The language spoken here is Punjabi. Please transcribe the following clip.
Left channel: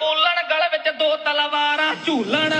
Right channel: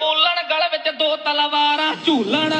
ਬੋਲਣ ਗਲ ਵਿੱਚ ਦੋ ਤਲਵਾਰਾਂ ਝੂਲਣ।